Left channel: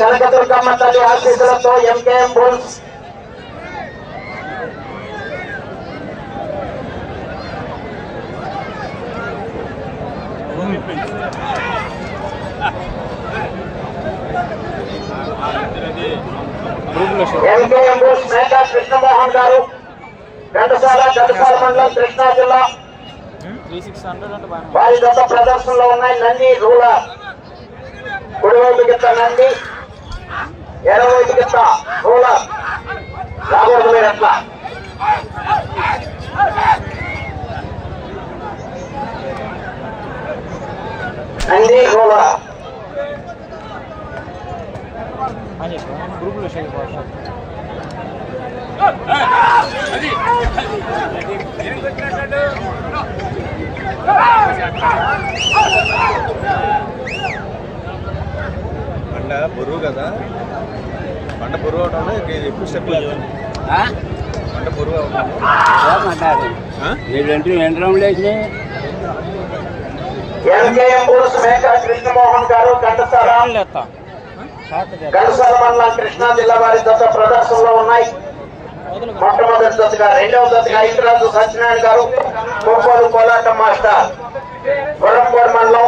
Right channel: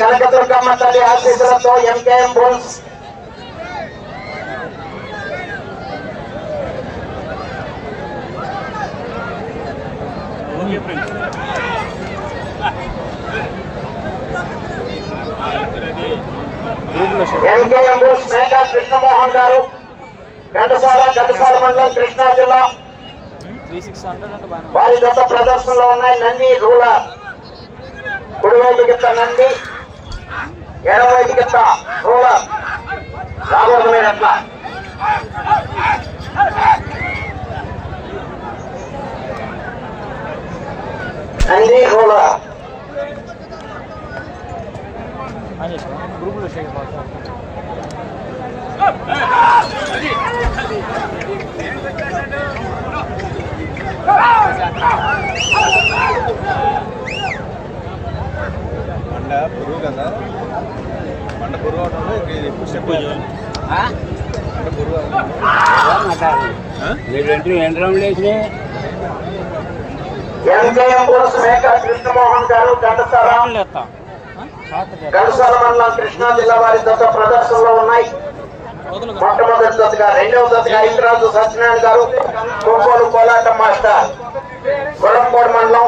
కనకదుర్గమ్మ తల్లి ఆశీస్సులతో MKM bulls MKM bulls Megha Krishnamohan గారు ఘటసాల ఘటసాల మండలం కృష్ణా జిల్లా. వారి గత ప్రదర్శనలో ఉన్నాయి నంది రూలర్. కుడివైపు గిత్త నంది. ఎడవైపు కింద రూలర్. రాబోతున్నాడు అట్లా నంది రూలర్. అని చెప్పా షేర్ వాట్సాప్ బరువు కదా. స్టెప్ మండలం కృష్ణా జిల్లా వారి గత ప్రదర్శనలో ఉన్నాయి. మొట్టమొదటి దశగా రెండవ దశగా ఐతరాజు సత్యనారాయణ గారు కొప్పలు కోలాటం మాస్టర్. కొలంపూర్ మండలం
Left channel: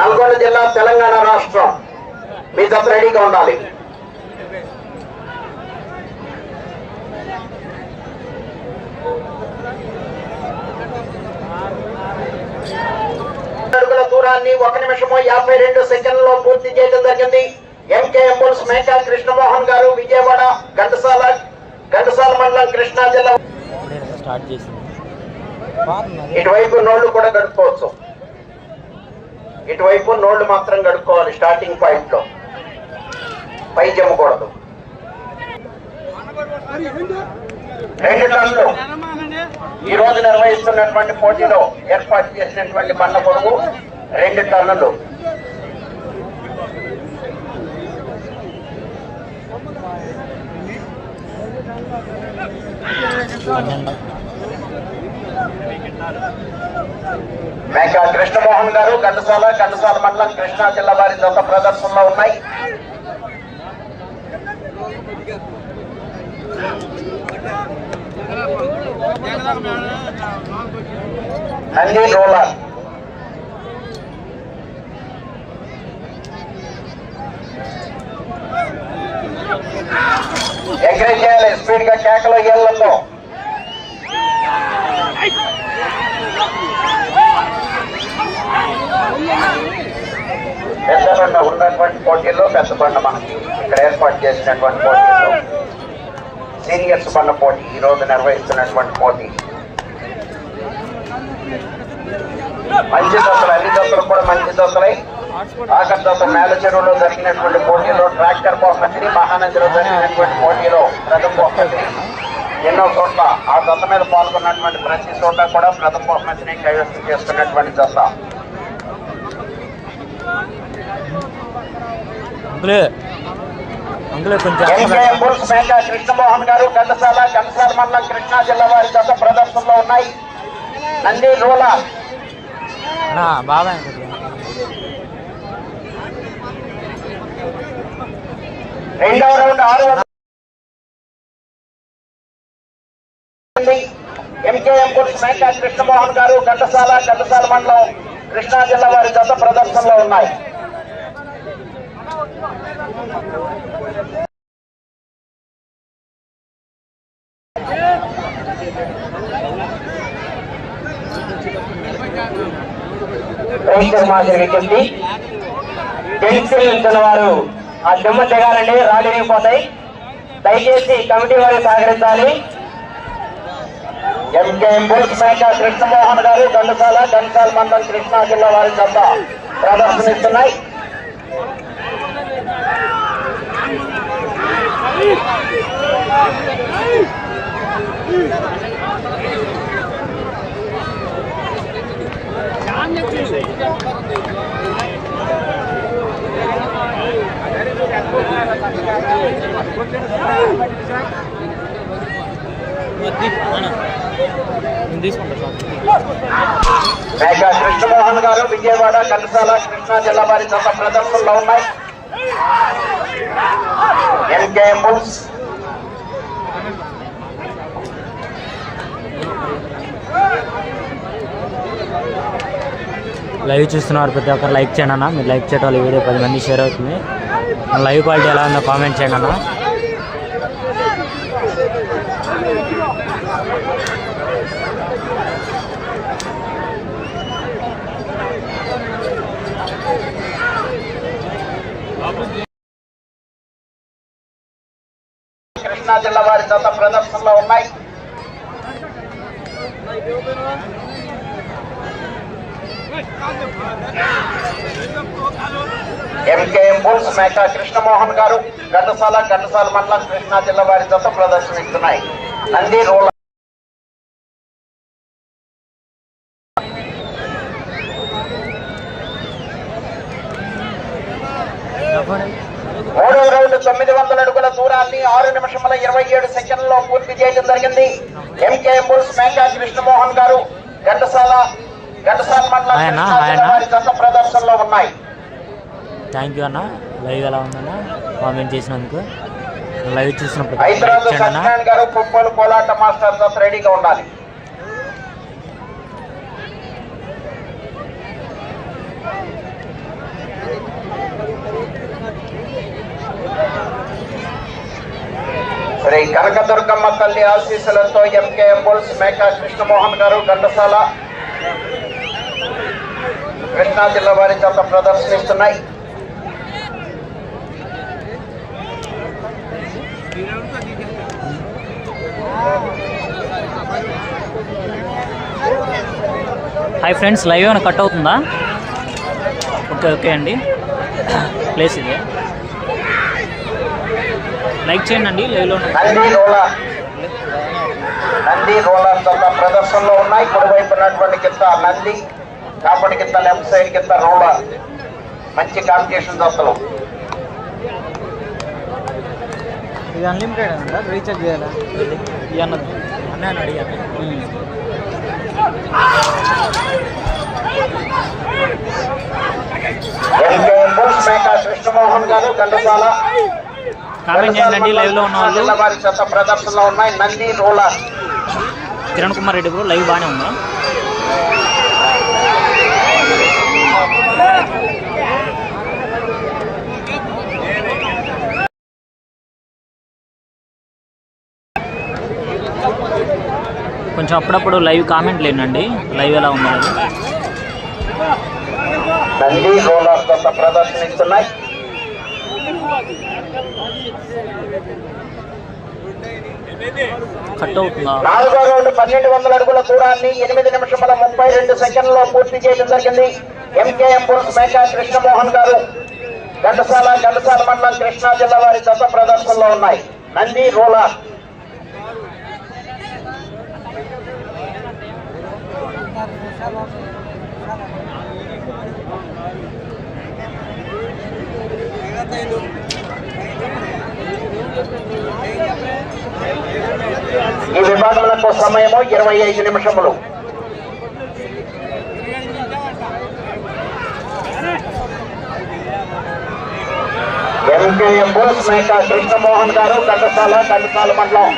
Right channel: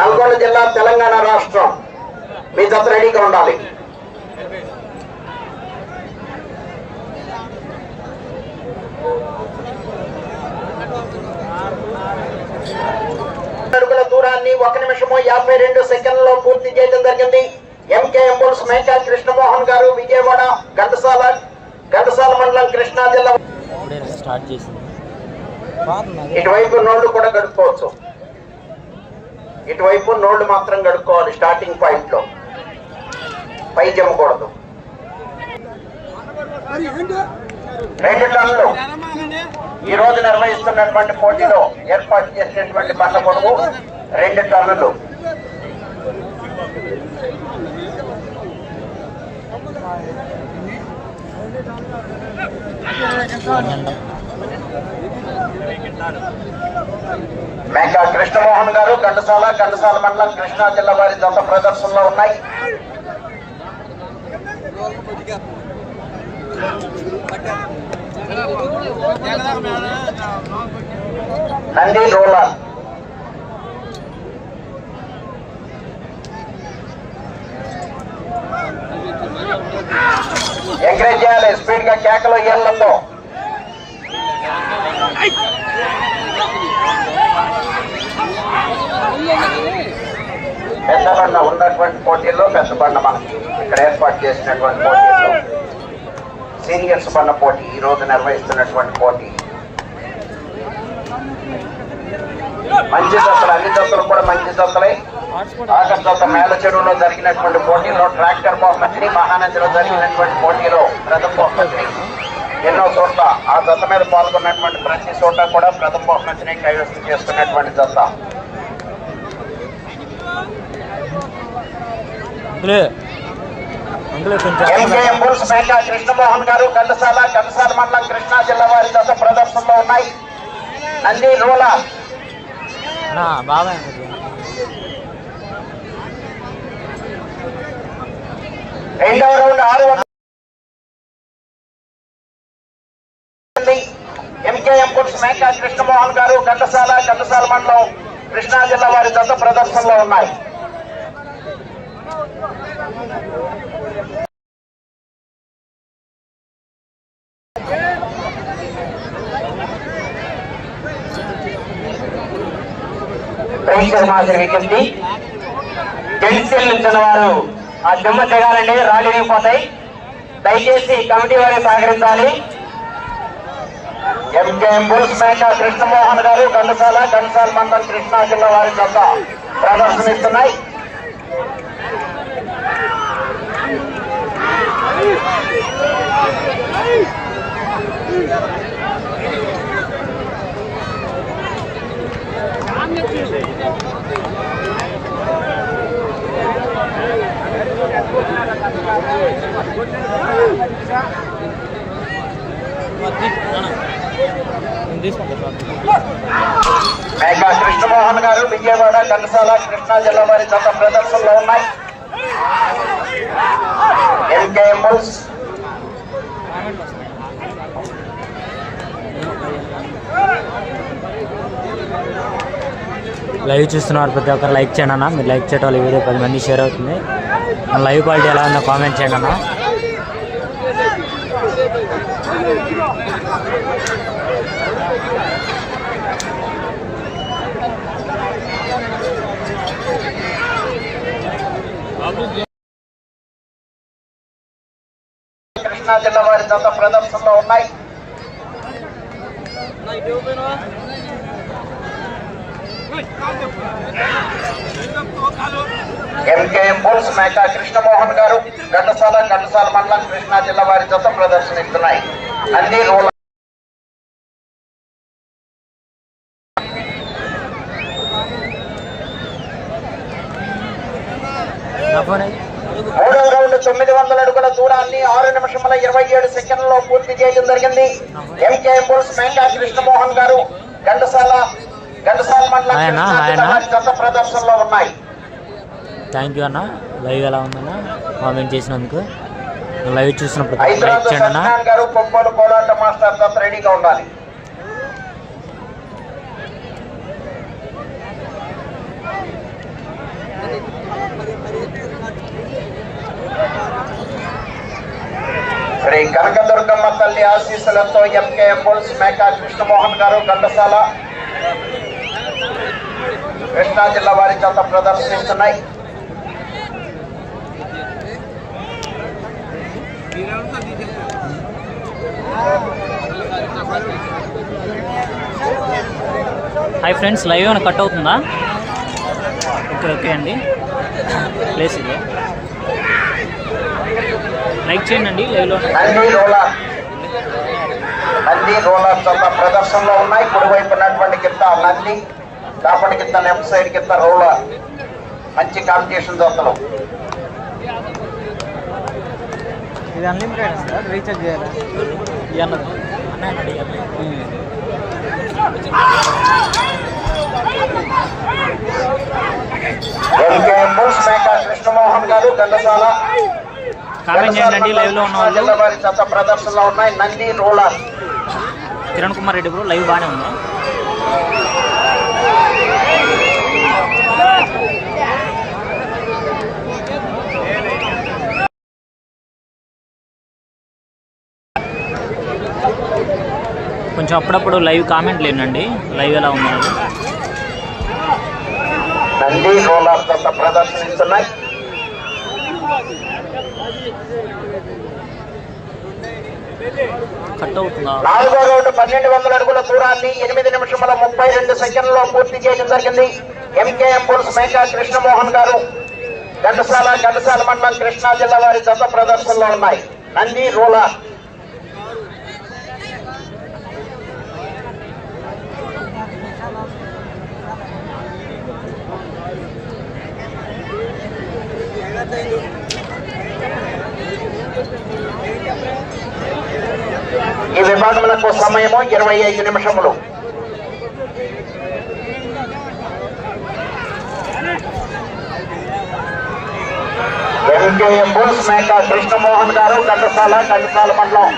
నల్గొండ జిల్లా తెలంగాణ రాష్ట్రం. మీ జత రెడీగా ఉండాలి. అడుగుల దూరాన్ని ఒక నిమిషము యాభై రెండు సెకండ్లలో పూర్తి చేయడం జరిగింది. ఎంకేఎం బుల్స్ మేకా కృష్ణమోహన్ గారు విజయవాడ ఘంటసాల ఘంటసాల మండలం కృష్ణా జిల్లా. స్టార్ట్ చేసింది. ఇటువైపు నోళ్ళు కూడా గడుపుకోవచ్చు ఇటువైపు నోళ్ళు మాత్రం గడుపుకోవాలి స్టార్టింగ్ పాయింట్లో పై జమ్మకూడదు రెండు టన్నులు. ఈ రోజు నిర్వహిస్తున్నటువంటి పోటీలో ఏర్పాటు చేసినటువంటి పంట కొడుకు రెండు టన్నులు. పన్నెండు మేక కృష్ణమోహన్ గారు ఘంటసాల ఘంటసాల మండలం కృష్ణా జిల్లా వారి దత్త ప్రదర్శనలో ఉన్నాయి. నంది రోలర్ ఎంకరేజ్ చేయాలి స్పీడ్గా కేకలు ఏళ్ళలో పెద్దబండ ఉన్నటువంటి పోటీల్లో పెద్దబండ మనకి ఇక్కడ ఏర్పాటు చేసినటువంటి పోటీల్లో సీనియర్స్ బండ పోటీ ఈ రోజు నిర్వహిస్తున్నటువంటి పోటీ. మంచి దశలు అన్ని దశలు కూడా మంచి దశలే ఆఖరి దశ మేల చెరువులో జరిగినటువంటి పోటీలో ట్రాక్టర్ బహుమతిని మహానందిలో జరిగినటువంటి పోటీలో ప్రథమ బహుమతిని ఎన్నో చోట్ల ఆ దశ మీద పాల్గొన్నటువంటి ప్రతి చోట కూడా ప్రథమ బహుమతిని కైవసం చేసుకున్నటువంటి దశ అంకులే. అంకులే కొంచెం కృష్ణమోహన్ గారు ఘంటసాల ఘంటసాల మండలం కృష్ణా జిల్లా వారి దశ ప్రదర్శనలో ఉన్నాయి. నంది రూల బాబాయ్ రెండవ రౌండ్ ఆరు ఎంకేఎం బుల్స్ మేక కృష్ణమోహన్ గారు ఘంటసాల ఘంటసాల మండలం కృష్ణా జిల్లా వారి దశ ప్రదర్శనలో ఉన్నాయి. ప్రేక్షక మాదిరి విజ్ఞప్తి జెంట్స్ నిల్చున్న వారు ఆ చెమ్మ తెగాలండి రాళ్ళు విరిగిపోతాయి. దయచేసి కమిటీ వారు సహకరించాలి. ఎంకేఎం బుల్స్ మేక కృష్ణమోహన్ గారు గండసాల గండసాల మండలం కృష్ణా జిల్లా వారి వద్ద ప్రదర్శనిస్తున్నాయి మేఘా కృష్ణమోహన్ గారు విజయవాడ కంటసాల కృష్ణా జిల్లా వారి గత ప్రదర్శనలో ఉన్నాయి లైవ్ చూస్తున్నారు ప్రతి ఒక్కరు లైక్ చేయండి అన్న. మీరు లైక్ చేయడం వల్ల ఈ వీడియో పది మంది షేర్ అవుతుంది. లైవ్ క్వాలిటీ ఎలా ఉందో కామెంట్ చేయండి అన్న. గత ప్రదర్శనలో ఉన్నాయి. ఎంకే బుల్స్ మేకా కృష్ణమోహన్ గారు ఘటసాల ఘటసాల మండలం కృష్ణా జిల్లా వారి జత ప్రదర్శనిస్తున్నాయి. అన్ని రోల నా ఫోన్ అయ్యి. మూడవ రౌండ్ తొమ్మిది వందల అడుగుల దూరాన్ని ఆరు నిమిషముల ఇరవై ఏడు సెకండ్లలో పూర్తి చేయడం జరిగింది. ఎంకే బుల్స్ మేకా కృష్ణమోహన్ గారు ఘంటసాల ఘంటసాల మండలం ప్రదర్శనలో ఉన్నాయి. థ్యాంక్ యూ అన్న. లైవ్ ఎలా ఉందన్న? కామెంట్ చేసినందుకు. లైవ్ చూసిన ప్రతి గారు కొప్పలు కోలాట మాస్టర్ రెడీగా ఉండాలి. శ్రీ కనకదుర్గమ్మ తల్లి ఆశీస్సులతో ఎంకే బుల్స్ మేకా కృష్ణమోహన్ గారు ఘంటసాల కృష్ణా జిల్లా వారి చేత ప్రదర్శనిస్తున్నాయి. హాయ్ ఫ్రెండ్స్ లైవ్ ఏమైనా కట్ అవుతుందా? ఓకే ఓకే అండి. ప్లేస్ ఇదే. లైక్ చేయండి అండి లైవ్లో నంది రోలర్ చాలా ప్రదర్శనలో ఉన్నాయి. కుడివైపు ఉన్నటువంటి కింద నంది కాపడి కింద లెఫ్ట్ సైడ్ కింద రోలర్ మంచి కాంపిటీషన్ దశలు ఇది అన్లిమిటెడ్ అంట రీఛార్జ్ చేయాలా? అన్నది కృష్ణమోహన్ గారు గండసాల కామెంట్ చేయండి అండి లైవ్లో ఉన్న వాళ్ళు. ప్రదర్శనలో ఉన్నాయి. Nandi roller. Kiran Kumar Reddy bro live బాగానే ఉంది? కొంచెం అప్పుడప్పుడు లైవ్ కామెంట్ లేనండి. లైవ్ ఎలా ఉందనేది? నంది రోలర్ చెత్త ప్రదర్శనిస్తున్నాయి. కట్ అవుతుందా? నాలుగో రౌండ్ పన్నెండు వందల అడుగుల దూరాన్ని ఎనిమిది నిమిషముల ముప్పై రెండు సెకండ్లలో పూర్తి చేయడం జరిగింది. ఎంకేఎం పురుష మేకా కృష్ణమోహన్ గారు. ఘటసాల ఘటసాల మండలం కృష్ణా జిల్లా వారి దశ ప్రదర్శనలో ఉన్నాయి. నంది రోలా. సమయము ఇరవై ఐదు నిమిషములు. ఎంకేఎం బోస్ మేకా కృష్ణమోహన్ గారు ఘటసాల ఘంటసాల మండలం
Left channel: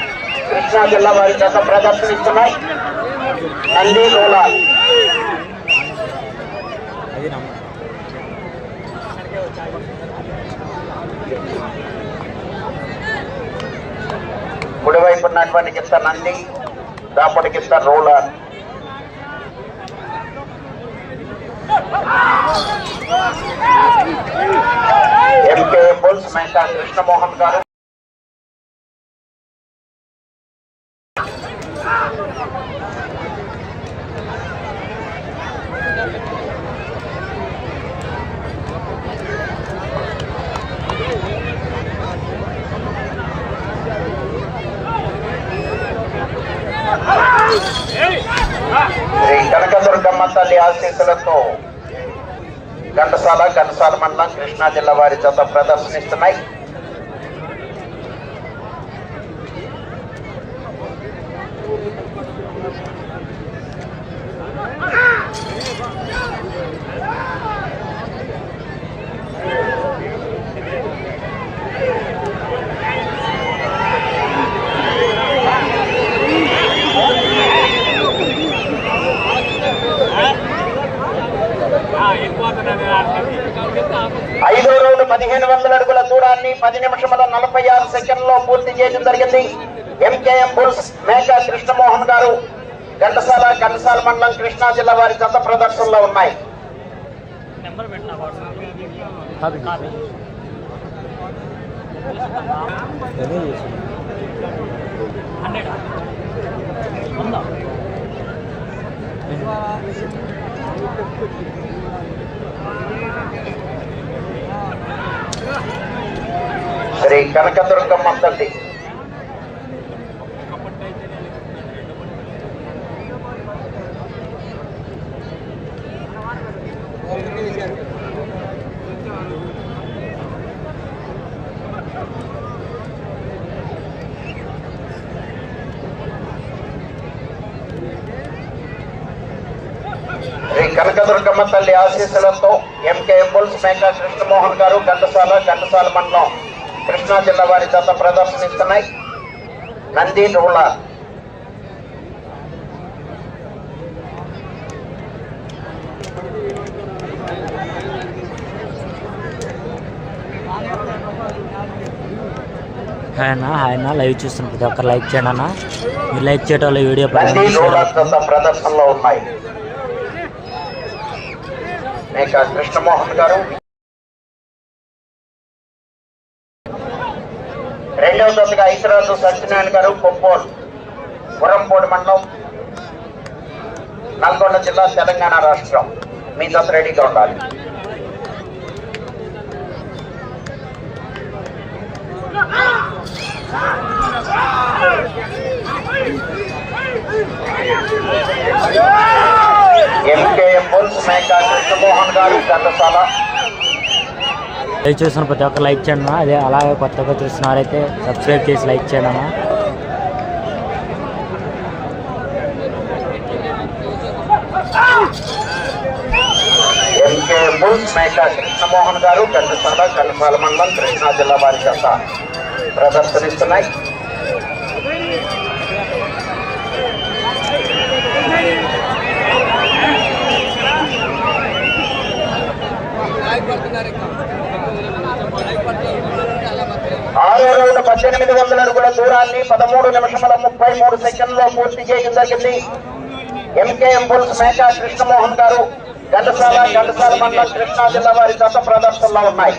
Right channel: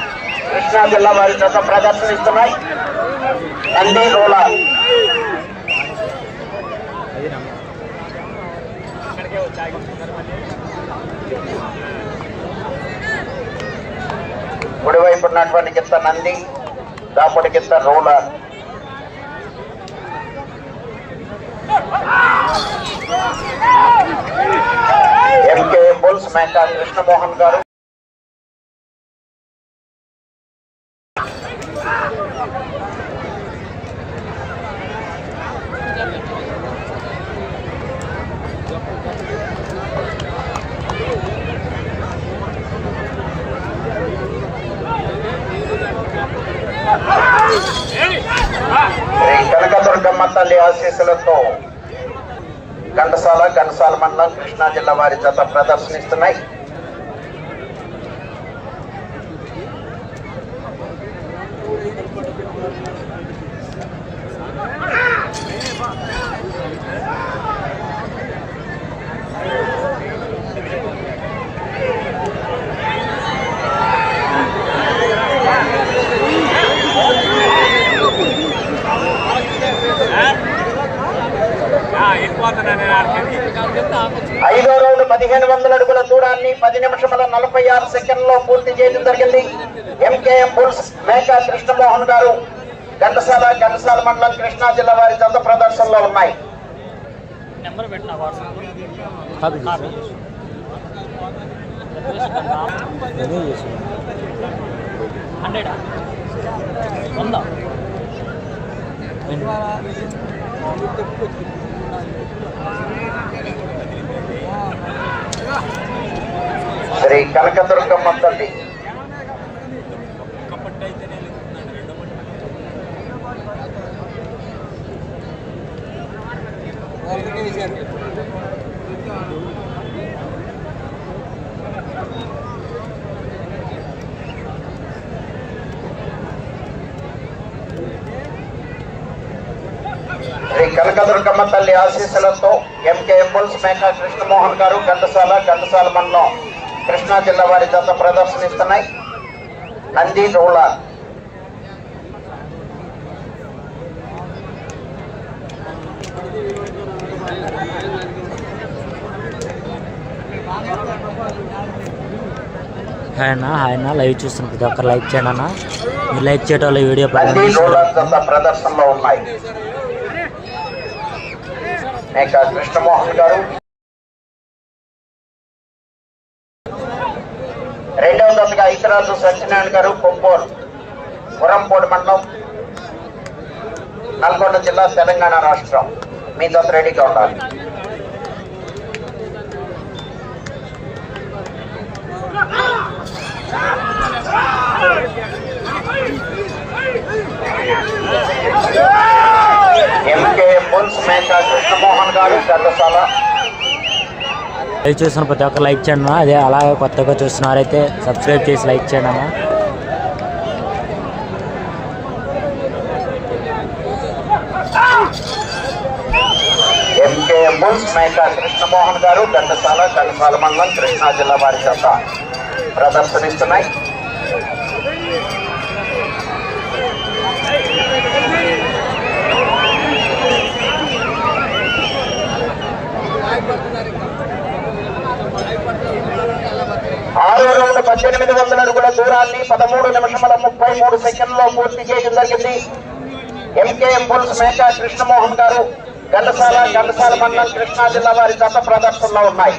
కృష్ణా జిల్లా వారి యొక్క ప్రదర్శనిస్తున్నాయి. నంది రూలార్ కుడివైపు ఉన్నటువంటి చెప్తా నంది. దాపటి కింద రూలర్. ఎంకే బుల్స్ మేక కృష్ణమోహన్ గారు. శ్రీ కనకదుర్గమ్మ తల్లి ఆశీస్సులతో ఘంటసాల ఘంటసాల మండలం కృష్ణా జిల్లా వారి చేత ప్రదర్శనిస్తున్నాయి ఐదో రౌండ్ పదిహేను వందల అడుగుల దూరాన్ని పది నిమిషముల నలభై ఆరు సెకండ్లో పూర్తి చేయడం జరిగింది ఎంకేఎం బుల్స్ మేకా కృష్ణమోహన్ గారు ఘంటసాల ఘంటసాల మండలం కృష్ణా జిల్లా వారి జత ప్రదర్శనలో ఉన్నాయి. నెంబర్ పెట్టిన వాట్సాప్లో కాపీ కాపీ నేనే చేసాను హండ్రెడ్ వంద శ్రీ కనకదుర్గమ్మ తల్లి శ్రీ కనకదుర్గమ్మ తల్లి ఆశీస్సులతో ఎంకే బుల్స్ మేకా కృష్ణమోహన్ గారు ఘంటసాల ఘంటసాల మండలం కృష్ణా జిల్లా వారి జత ప్రదర్శనిస్తున్నాయి. నంది రూలర్ హాయ్ అన్న హాయ్ అన్న. లైవ్ చూస్తున్న ప్రతి ఒక్కరు లైక్ చేయండి అన్న. మీరు లైక్ చేయడం వల్ల వీడియో ప్రదర్శనలో ఉన్నాయి. మేకా కృష్ణమోహన్ గారు రెండవ దశగా ఇతరాజు సత్యనారాయణ గారు కొప్పోలు పురంపోడు మండలం నల్గొండ జిల్లా తెలంగాణ రాష్ట్రం మీ దశ రెడీగా ఉండాలి ఎంకే బుల్స్ మేకా కృష్ణమోహన్ గారు ఘంటసాల లైవ్ చూస్తున్న ప్రతి ఒక్కరు లైక్ చేయండి అదే అలాగే కొత్తగా చూస్తున్నారైతే సబ్స్క్రైబ్ చేసి లైక్ చేయండి అన్న. ఎంకే బుల్స్ మేకా కృష్ణమోహన్ గారు ఘంటసాల ఘంటసాల మండలం కృష్ణా జిల్లా వారి చేత ప్రదర్శనిస్తున్నాయి. ఆరో రౌండ్ పద్దెనిమిది వందల అడుగుల దూరాన్ని పదమూడు నిమిషముల ముప్పై మూడు సెకండ్లో పూర్తి చేయడం జరిగింది. ఎంకేఎం బుల్స్ మేకా కృష్ణమోహన్ గారు ఘంటసాల ఘంటసాల మండలం కృష్ణా జిల్లా వారి గత ప్రదర్శనలో ఉన్నాయి.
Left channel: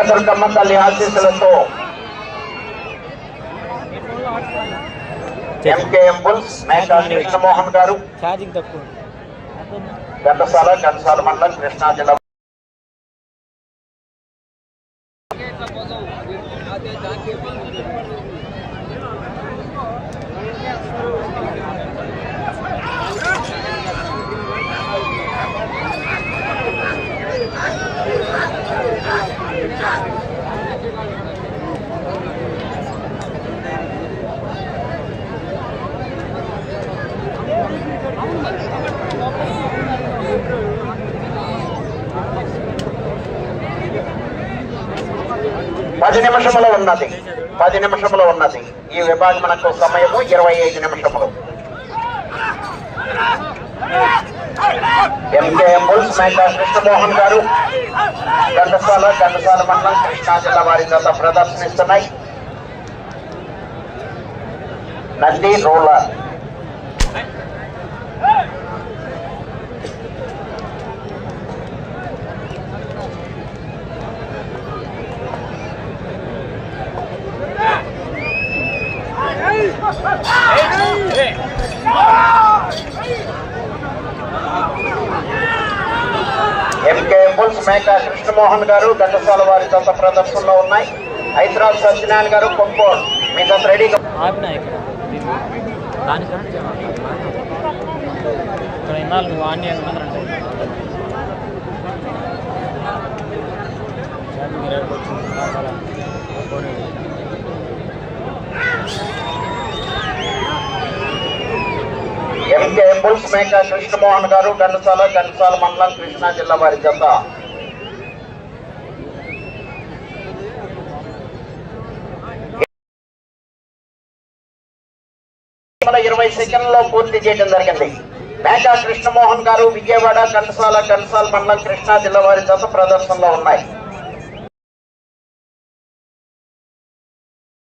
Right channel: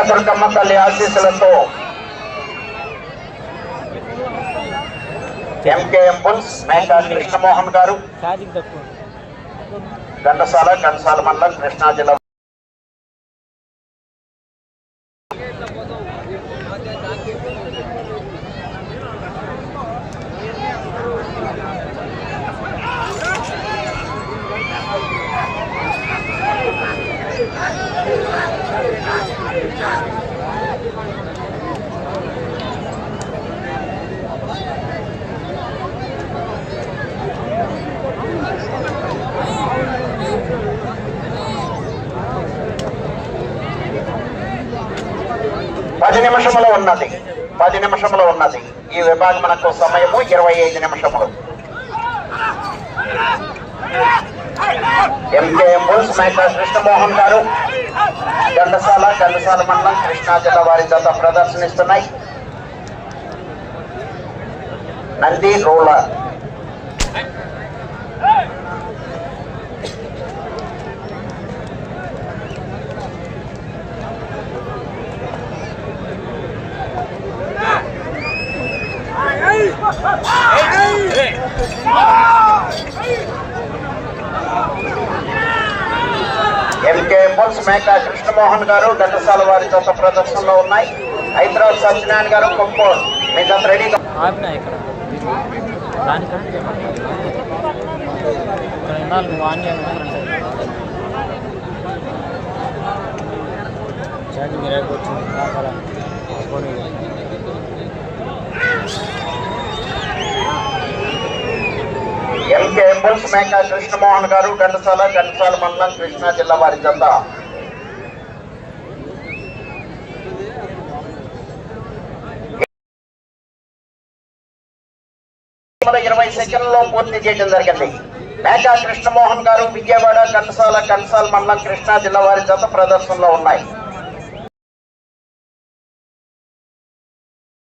శ్రీ కనకదుర్గమ్మ తల్లి ఆశీస్సులతో ఎంకేఎం బుల్స్ మేకా కృష్ణమోహన్ గారు. ఘంటసాల ఘంటసాల మండలం కృష్ణా జిల్లా పది నిమిషములు ఉన్నది. పది నిమిషములు ఉన్నది. ఈ విభాగమునకు సమయము ఇరవై ఐదు నిమిషములు. ఎంకేఎం బుల్స్ మేకా కృష్ణమోహన్ గారు. ఘంటసాల ఘంటసాల మండలం కృష్ణా జిల్లా వారి చేత ప్రదర్శనిస్తున్నాయి. Nandi roller MK bulls Megha Krishnamohan గారు గతసాల వారి జత ప్రదర్శనలో ఉన్నాయి. హైదరాబాద్ సత్యనారాయణ గారు కొంపోర్ మీ జత రెడీగా ఆపినా ఇక్కడ? ఇక్కడ ఇన్నాళ్ళు నువ్వు ఆన్ చేయకుండా కరెంట్ అయింది ఛార్జింగ్ రేపు వచ్చింది కావాలా? ఆ ఫోన్ ఇది. బుల్స్ మేక కృష్ణమోహన్ గారు ఘంటసాల ఘంటసాల మండలం కృష్ణా జిల్లా వారి జత. ఇరవై సెకండ్లలో పూర్తి చేయడం జరిగింది. మేకా కృష్ణమోహన్ గారు విజయవాడ కంటసాల కంటసాల మండలం కృష్ణా జిల్లా వారి జత ప్రదర్శనలో ఉన్నాయి.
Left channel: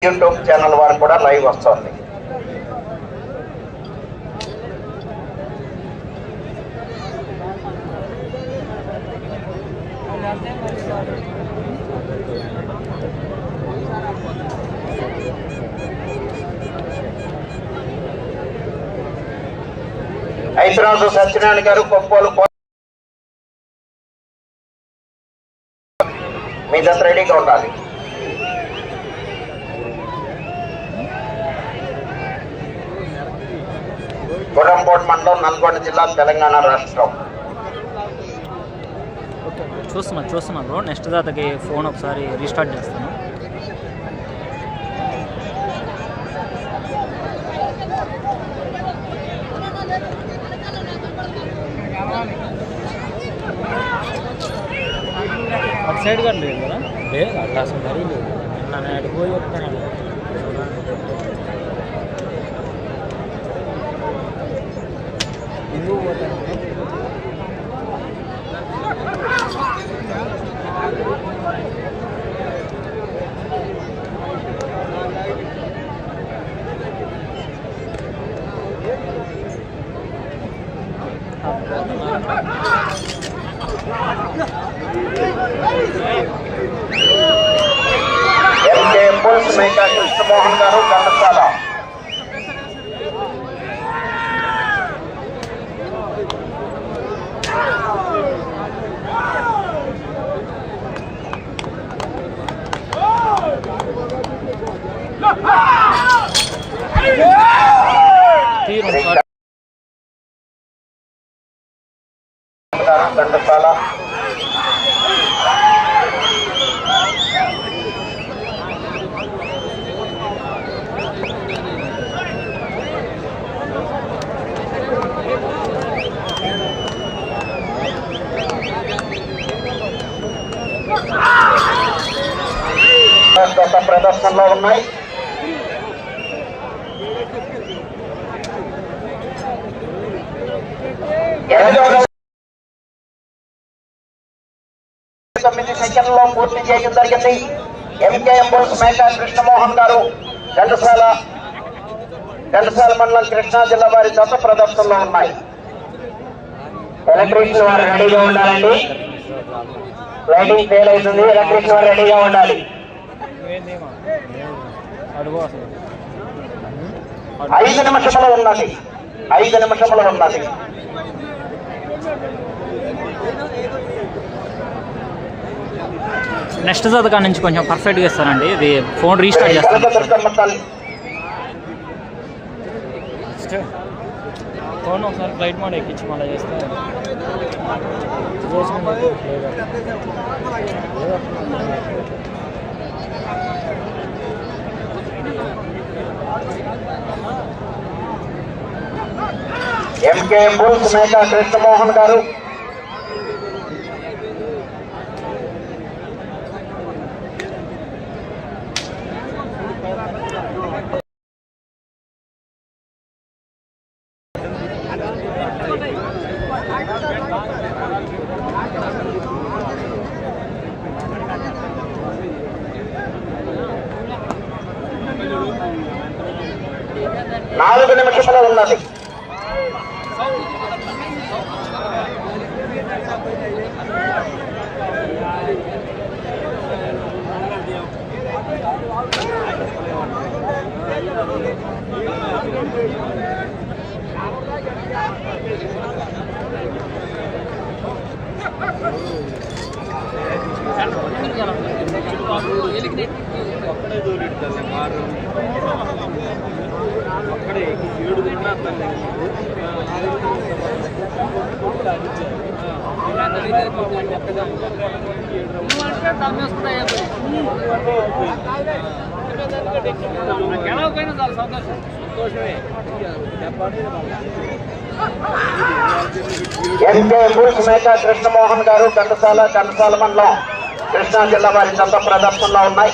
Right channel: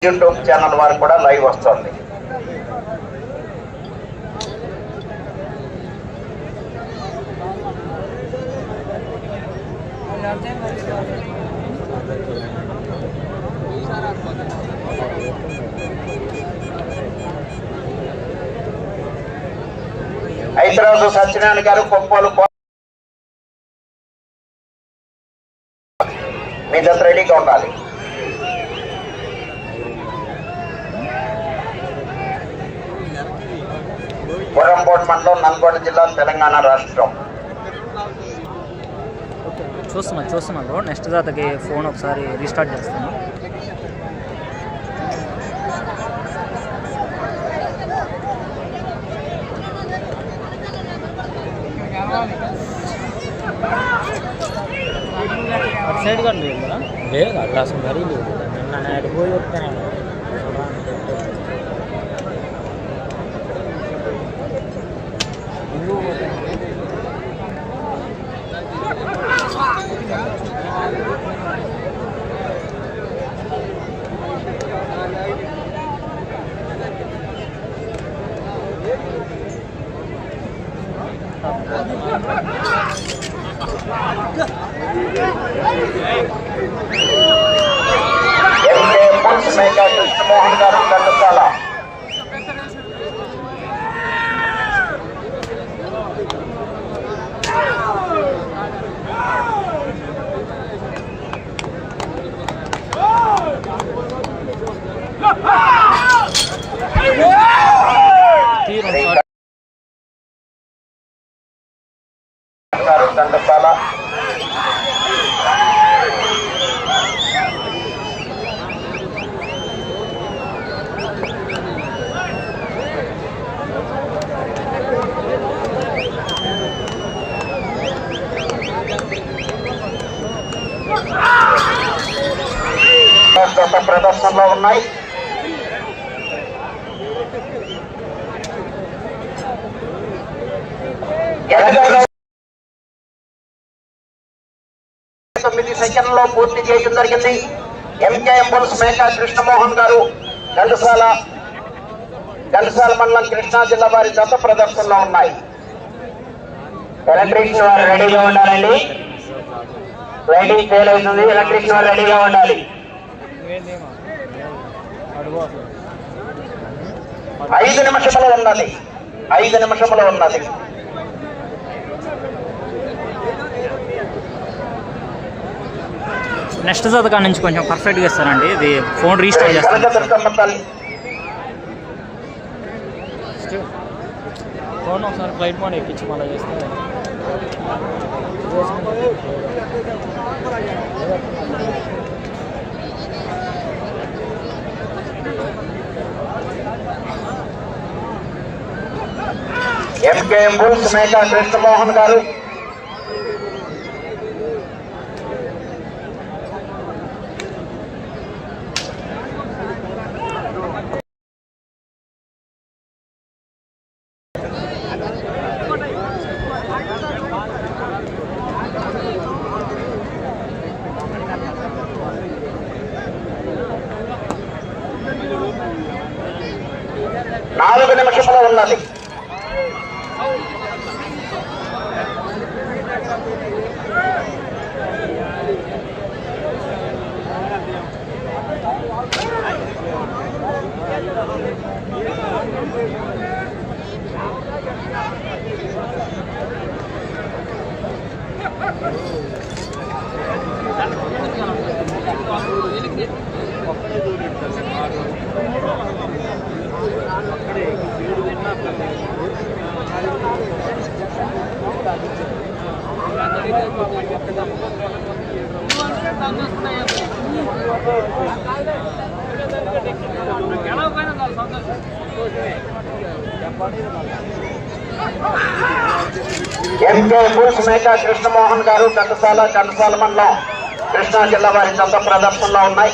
యూట్యూబ్ ఛానల్ వారు కూడా లైవ్ వస్తుంది. రాజు సత్యనారాయణ గారు కొప్పోలు మీ రెడీగా ఉండాలి. గుర్రంపోట్ మండలం నల్గొండ జిల్లా తెలంగాణ రాష్ట్రం. చూస్తున్నా చూస్తున్నా బ్రో. నెక్స్ట్ దాతకి ఫోన్ ఒకసారి రీస్టార్ట్ చేస్తాను. సైడ్ కూడా కదా? లేదు అట్లా అసలు మరీ లేదు. నిన్న నేను పోయి చెప్తాను. ఎందుకు పోతాను ఎంకే పుల్స్ మేక కృష్ణమోహన్ గారు ఘంటసాల తీరం శ్రీ సార్ గారు ఘంటసాల గత ప్రదర్శనలో ఉన్నాయి. తొమ్మిది సెకండ్లో పూర్తి చేయడం జరిగింది. ఎంకేఎం బుల్స్ మేకా కృష్ణమోహన్ గారు ఘంటసాల ఘంటసాల మండలం కృష్ణా జిల్లా వారి జత ప్రదర్శనలో ఉన్నాయి. ఎలక్ట్రీషియన్ వారు రెడీగా ఉండాలండి. లైటింగ్ ఫెయిల్ అవుతుంది. ఎలక్ట్రీషియన్ వారు రెడీగా ఉండాలి. ఐదు నిమిషములు ఉన్నది ఐదు నిమిషములు ఉన్నది నెక్స్ట్ జత కాడ నుంచి కొంచెం పర్ఫెక్ట్గా ఇస్తానండి. ఇది ఫోన్ రీస్టార్ట్ చేస్తాను. ఫోన్ ఒకసారి ఫ్లైట్ మోడ్ ఎక్కించి మళ్ళీ చేస్తే. ఎంకే బుల్స్ మేక కృష్ణమోహన్ గారు నాలుగు అక్కడే ఏడు గెలవపోయినా కృష్ణమోహన్ గారు ఘంటసాల ఘంటసాల మండలం కృష్ణా జిల్లా వారి చెత్త ప్రదర్శనలో ఉన్నాయి.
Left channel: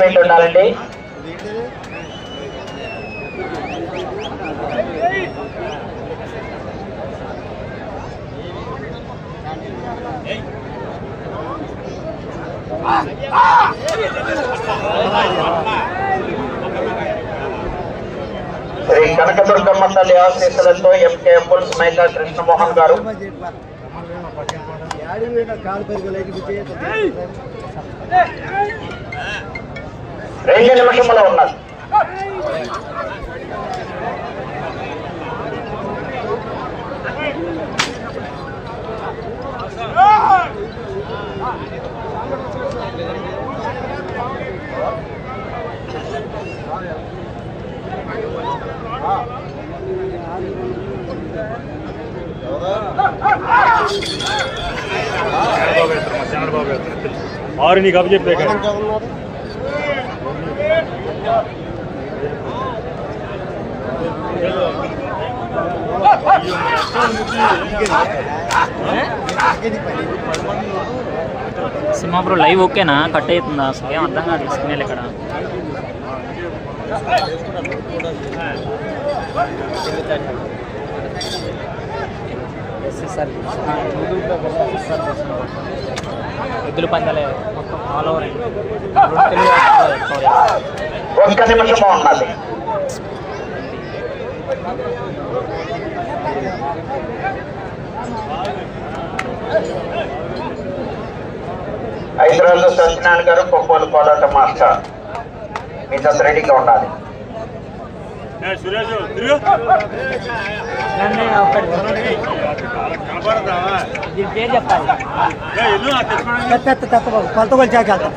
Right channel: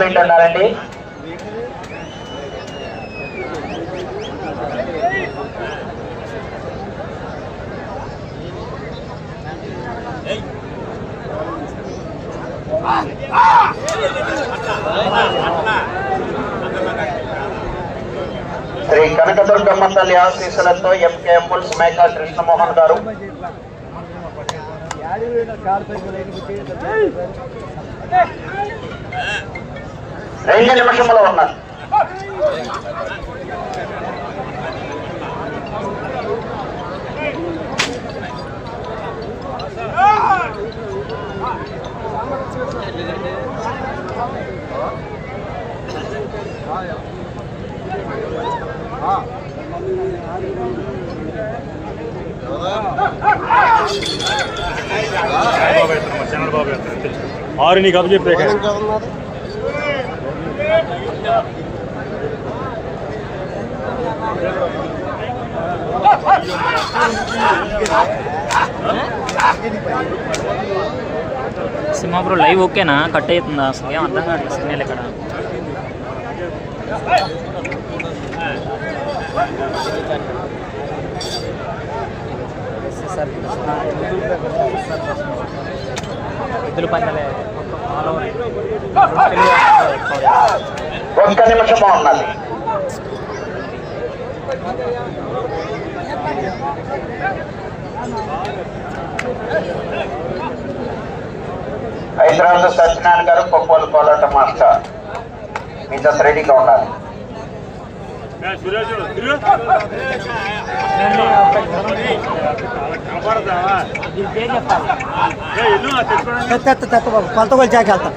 ఎంకరేజ్మెంట్ ఉన్నారండి శ్రీ కనకదుర్గమ్మ తల్లి ఆశీస్సులతో ఎంకే పుల్స్ మేఘా కృష్ణమోహన్ గారు. రెండు నిమిషంలో ఉన్నారు. ఆరు నీకు అప్పచెప్పే సినిమా బ్రో లైవ్ ఓకేనా? కట్ అవుతుందా? అసలు ఏం అర్థం కావట్లేదు సిగ్నల్ ఇక్కడ ఎద్దుల పందాలే మొత్తం ఆల్ ఓవర్ ఒక్క నిమిషం ఉండాలి హైదరాబాద్ సత్యనారాయణ గారు కొప్పోలు కోలాట మాస్టర్ మీ జత రెడీగా ఉండాలి సురేష్ తిరుగు కనపడదా చెప్పాలి ఎల్లు నా తెచ్చుకోవడానికి కొలత కొలిచాక వెళ్తాం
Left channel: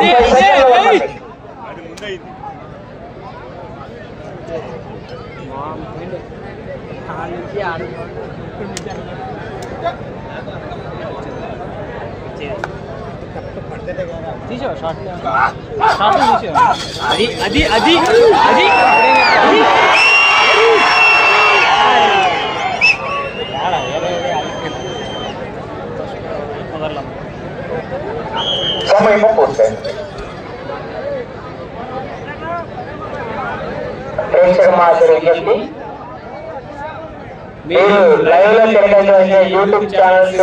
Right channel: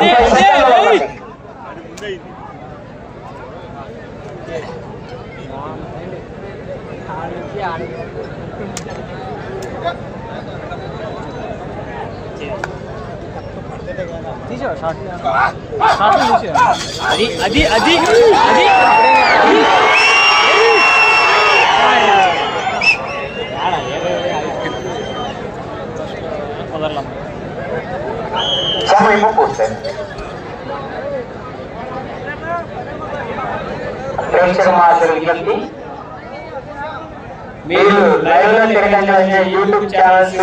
ముప్పై సెకండ్లు ఉన్నది. అది ముందైంది తీసో షార్ట్ షార్ట్ తీసో అది అది అది అది ఏడా ఏడే కుదరలమ్మ ప్రేక్షక మహాశయులు విజ్ఞప్తి. మీరు లైవ్లో తిరగలిగే YouTube channels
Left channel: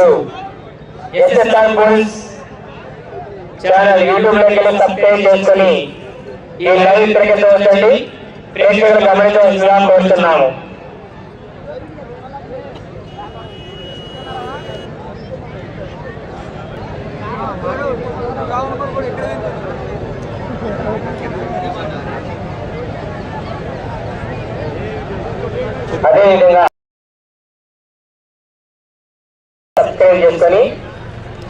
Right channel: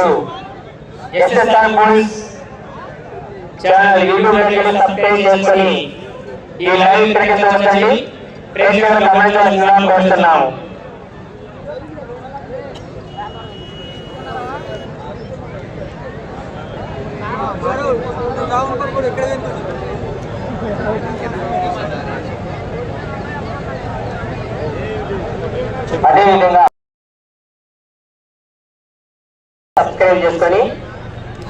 SSR movies channel YouTube వెళ్ళి సబ్స్క్రైబ్ చేసుకొని ఈ లైవ్ తిరగండి ప్రేక్షకులు గమనించవలసిన కోరుతున్నాము అదేవిధంగా సబ్స్క్రైబ్ చేసుకొని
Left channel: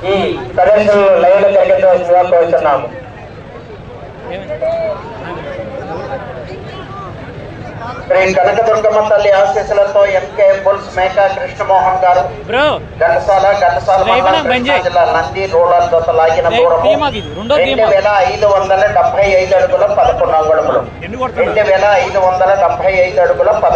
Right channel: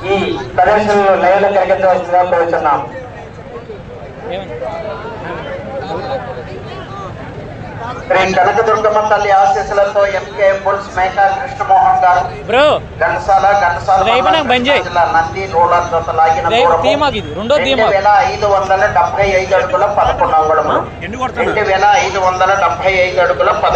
ఈ ప్రదర్శనలు లైవ్లో తిరగవలసిందిగా కోరుతున్నాము శ్రీ కనకదుర్గమ్మ తల్లి ఆశీస్సులతో ఎంకే బుల్స్ మేకా కృష్ణమోహన్ గారు చేయి. కృష్ణా జిల్లా నంది రూరల్ జత లాగిన రెండో. వేల ఐదు వందల డెబ్బై ఐదు అడుగుల పదకొండు అంగుళములు రెండు వేల ఐదు వందల డెబ్బై ఐదు అడుగుల పద